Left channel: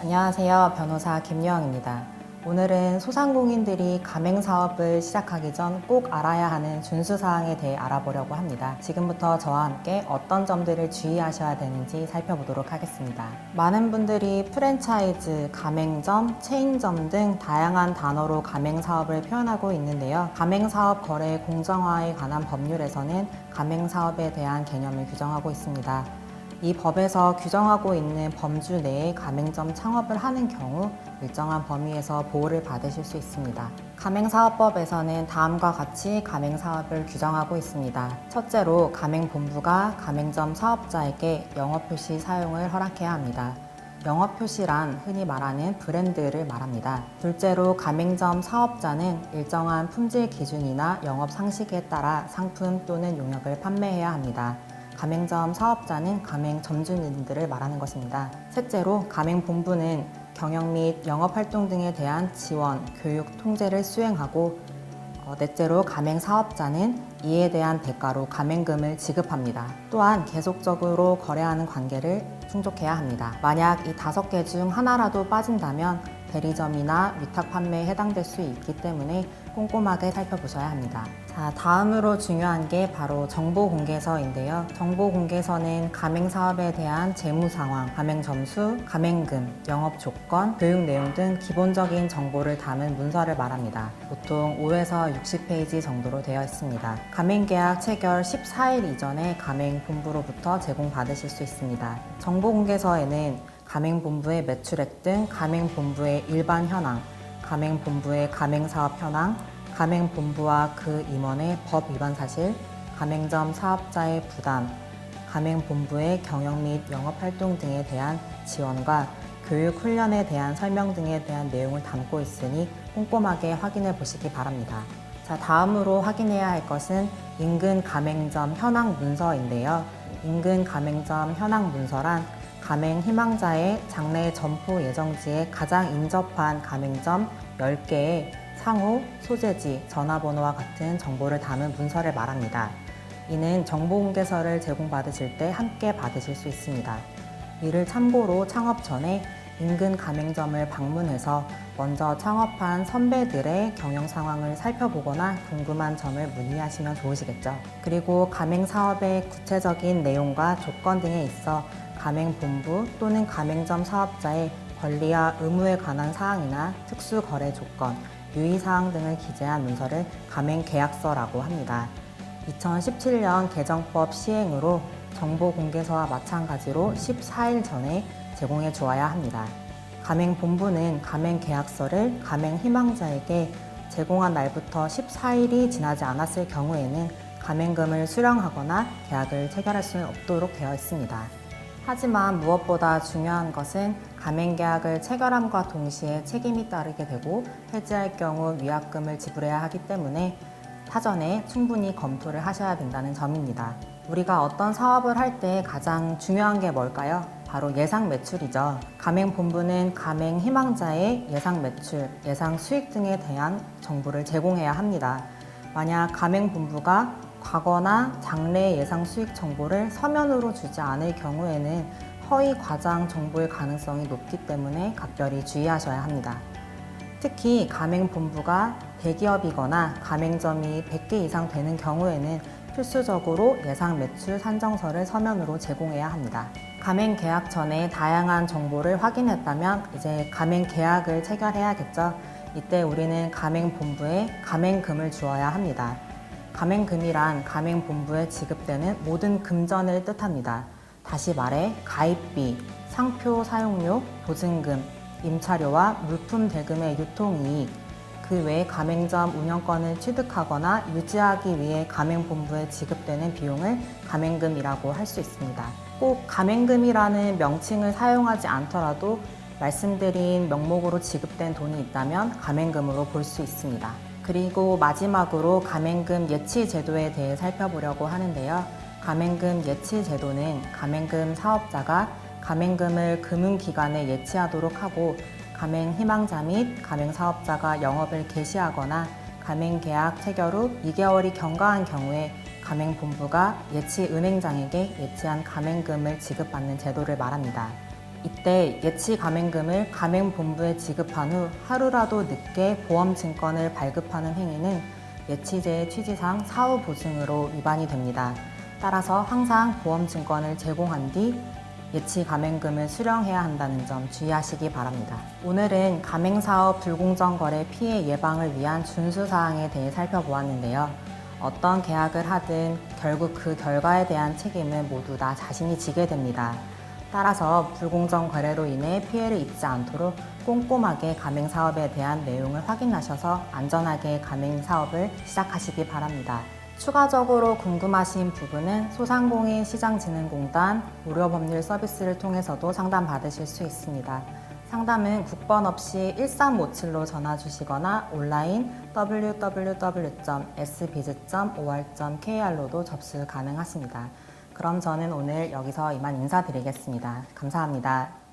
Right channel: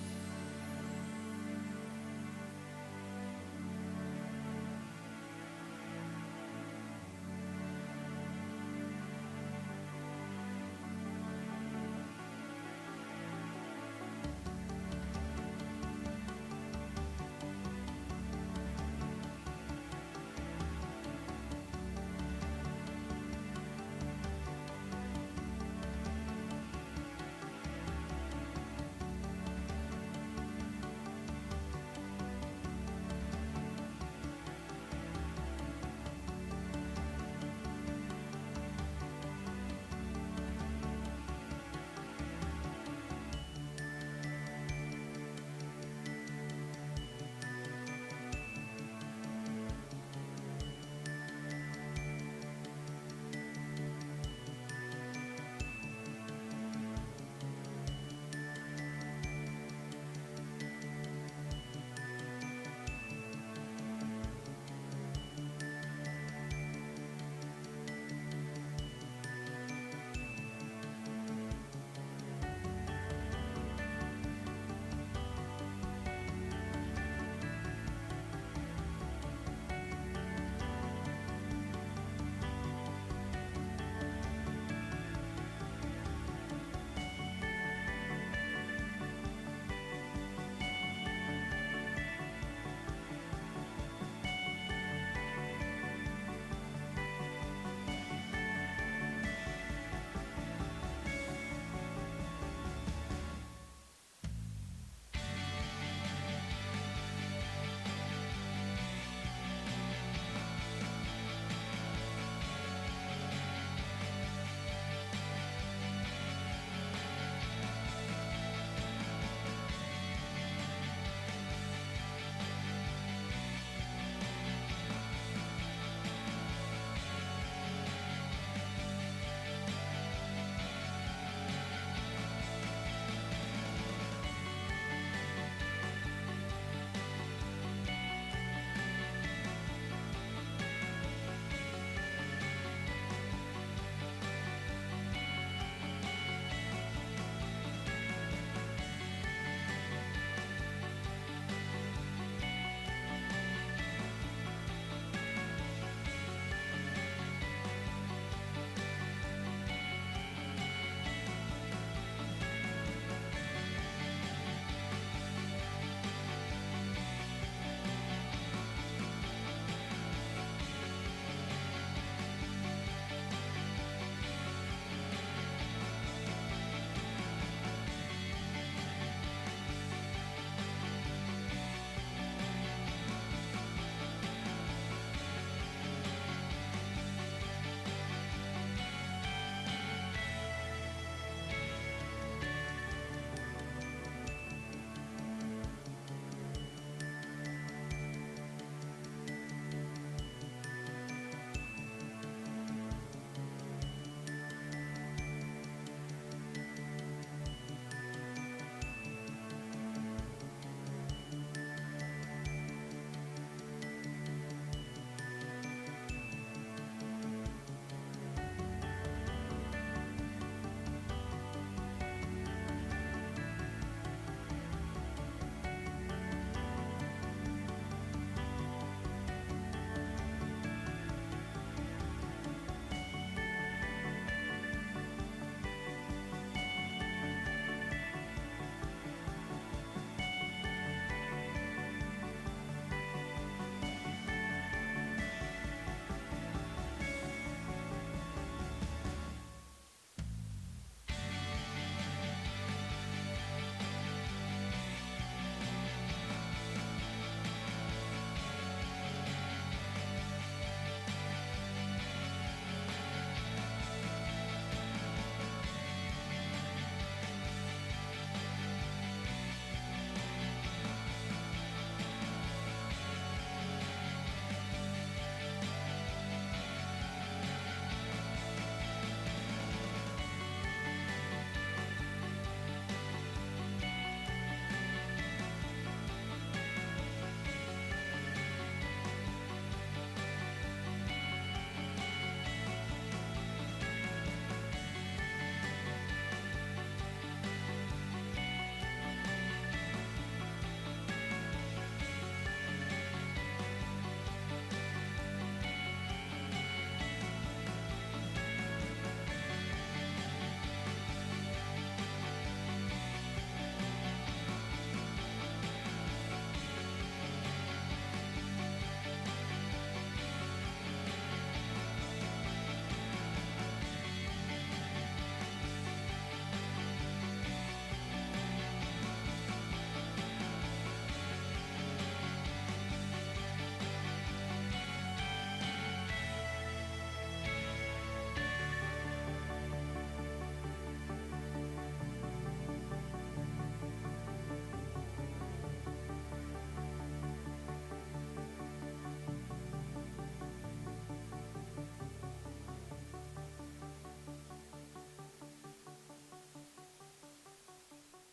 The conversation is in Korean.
안녕하세요. 변호사 김유영입니다. 오늘은 소상공인들이 가맹사업을 시작하기 전 꼭 알아야 하는 준수사항에 대해 알아보려고 합니다. 지금부터 저와 함께 어떤 점들을 주의하셔야 되는지 살펴보도록 하겠습니다. 많은 분들이 프랜차이즈, 가맹점, 체인점 등 다양한 단어로 가맹사업을 표현하고 있는데요. 가맹사업 거래 공정화에 관한 법률에서는 가맹사업에 대한 개념을 규정하고 있습니다. 이 법에서 규정하고 있는 범주 내에 가맹점 창업을 하는 경우 일정한 범위에서 보호를 받으실 수 있습니다. 가맹사업법에서는 다음과 같이 가맹사업을 규정하고 있습니다. 첫째로 가맹본부가 가맹점 사업자에게 영업표시 사용을 허락해야 합니다. 영업표시란 흔히 말하는 브랜드를 말합니다. 둘째로 가맹점 사업자는 일정한 품질 기준이나 영업 상식에 따라 상품 또는 용역을 판매해야 합니다. 가맹점 사업자는 가맹 점주님들을 말하는 것입니다. 셋째로 가맹본부는 경영 및 영업활동 등에 대한 지원, 교육, 통제를 수행하고 넷째로 가맹사업자는 이에 대한 대가로 가맹금을 지급합니다. 또한 계속적으로 거래하는 관계를 충족해야 합니다. 만약 이 5개 중 하나라도 빠진다면 대리점이나 위탁 판매에 해당될 수 있기 때문에 꼼꼼하게 살펴보셔야 합니다. 자, 다음으로 중요한 게 바로 정보공개서인데요. 정보공개서는 가맹사업에 대한 재무상황, 가맹점수, 가맹금, 영업조건, 교육 내용 등 기본적인 정보를 담은 문서를 말합니다. 보통 5에서 60페이지 정도로 되어 있습니다. 가맹계약 체결 14일 이전에 가맹본부로부터 제공받으실 수 있습니다. 정보공개서에는 가맹본부의 매출액 등 가맹본부의 일반 현황, 가맹본부의 가맹사업 현황, 가맹본부와 그 임원의 법 위반 사실, 가맹점 사업자의 부담, 가맹본부의 경영 및 영업활동 등에 대한 지원과 교육 훈련에 대한 설명 등에 대한 내용을 담고 있으니 꼼꼼하게 확인해 보시기 바랍니다. 자, 다음으로 확인해야 할 것은 인근 가맹점 현황 문서인데요. 인근 가맹점 현황 문서란 가맹 희망자의 장래 점포 예정지에 가장 인접한 가맹점 10개의 상호, 소재지, 전화번호와 같은 정보를 담은 문서를 말합니다. 이는 정보공개서를 제공받으실 때 함께 받으실 수 있습니다. 이를 참고로 창업 전에 인근 가맹점을 방문해서 먼저 창업한 선배들의 경영 상황을 살펴보거나 궁금한 점을 문의하시면 좋으시겠죠. 그리고 가맹사업의 구체적인 내용과 조건 등에 있어 가맹본부 또는 가맹점 사업자의 권리와 의무에 관한 사항이나 특수거래 조건, 유의사항 등을 기재한 문서를 가맹계약서라고 합니다. 2017년 개정법 시행으로 정보공개서와 마찬가지로 14일 전에 제공해 주어야 합니다. 가맹본부는 가맹계약서를 가맹희망자에게 제공한 날부터 14일이 지나지 않았을 경우에는 가맹금을 수령하거나 계약을 체결할 수 없도록 되어 있습니다. 하지만 무엇보다 중요한 것은 가맹계약을 체결함과 동시에 책임이 따르게 되고 해지할 경우 위약금을 지불해야 하기 때문에 사전에 충분히 검토를 하셔야 된다는 점입니다. 우리가 어떤 사업을 할 때 가장 중요한 게 뭘까요? 바로 예상 매출이죠. 가맹본부는 가맹 희망자의 예상 매출, 예상 수익 등에 대한 정보를 제공해야 합니다. 만약 가맹본부가 과거나 장래 예상 수익 정보를 서면으로 주지 않을 경우에는 허위 과장 정보일 가능성이 높기 때문에 각별히 주의하셔야 합니다. 특히 가맹본부가 대기업이거나 가맹점이 100개 이상 되는 경우에는 필수적으로 예상 매출 산정서를 서면으로 제공해야 합니다. 가맹 계약 전에 다양한 정보를 확인했다면 이제 가맹 계약을 체결해야겠죠. 이때 우리는 가맹본부에 가맹금을 주어야 합니다. 가맹금이란 가맹본부에 지급되는 모든 금전을 뜻합니다. 다시 말해 가입비, 상표 사용료, 보증금, 임차료와 물품 대금의 유통이익, 그 외에 가맹점 운영권을 취득하거나 유지하기 위해 가맹본부에 지급되는 비용을 가맹금이라고 할 수 있습니다. 꼭 가맹금이라는 명칭을 사용하지 않더라도 말씀드린 명목으로 지급된 돈이 있다면 가맹금으로 볼 수 있습니다. 그리고 마지막으로 가맹금 예치 제도에 대해 살펴보려고 하는데요. 가맹금 예치 제도는 가맹금 사업자가 가맹금을 금융기관에 예치하도록 하고 가맹 희망자 및 가맹 사업자가 영업을 개시하거나 가맹 계약 체결 후 2개월이 경과한 경우에 가맹본부가 예치 은행장에게 예치한 가맹금을 지급받는 제도를 말합니다. 이때 예치 가맹금을 가맹본부에 지급한 후 하루라도 늦게 보험증권을 발급하는 행위는 예치제의 취지상 사후보증으로 위반이 됩니다. 따라서 항상 보험증권을 제공한 뒤 예치 가맹금을 수령해야 한다는 점 주의하시기 바랍니다. 오늘은 가맹사업 불공정 거래 피해 예방을 위한 준수사항에 대해 살펴보았는데요. 어떤 계약을 하든 결국 그 결과에 대한 책임은 모두 다 자신이 지게 됩니다. 따라서 불공정 거래로 인해 피해를 입지 않도록 꼼꼼하게 가맹사업에 대한 내용을 확인하셔서 안전하게 가맹사업을 시작하시기 바랍니다. 추가적으로 궁금하신 부분은 소상공인시장진흥공단 무료법률 서비스를 통해서도 상담받으실 수 있습니다. 상담은 국번 없이 1357로 전화 주시거나 온라인 www.sbiz.or.kr로도 접수 가능하십니다. 그럼 저는 오늘 여기서 이만 인사드리겠습니다. 감사합니다.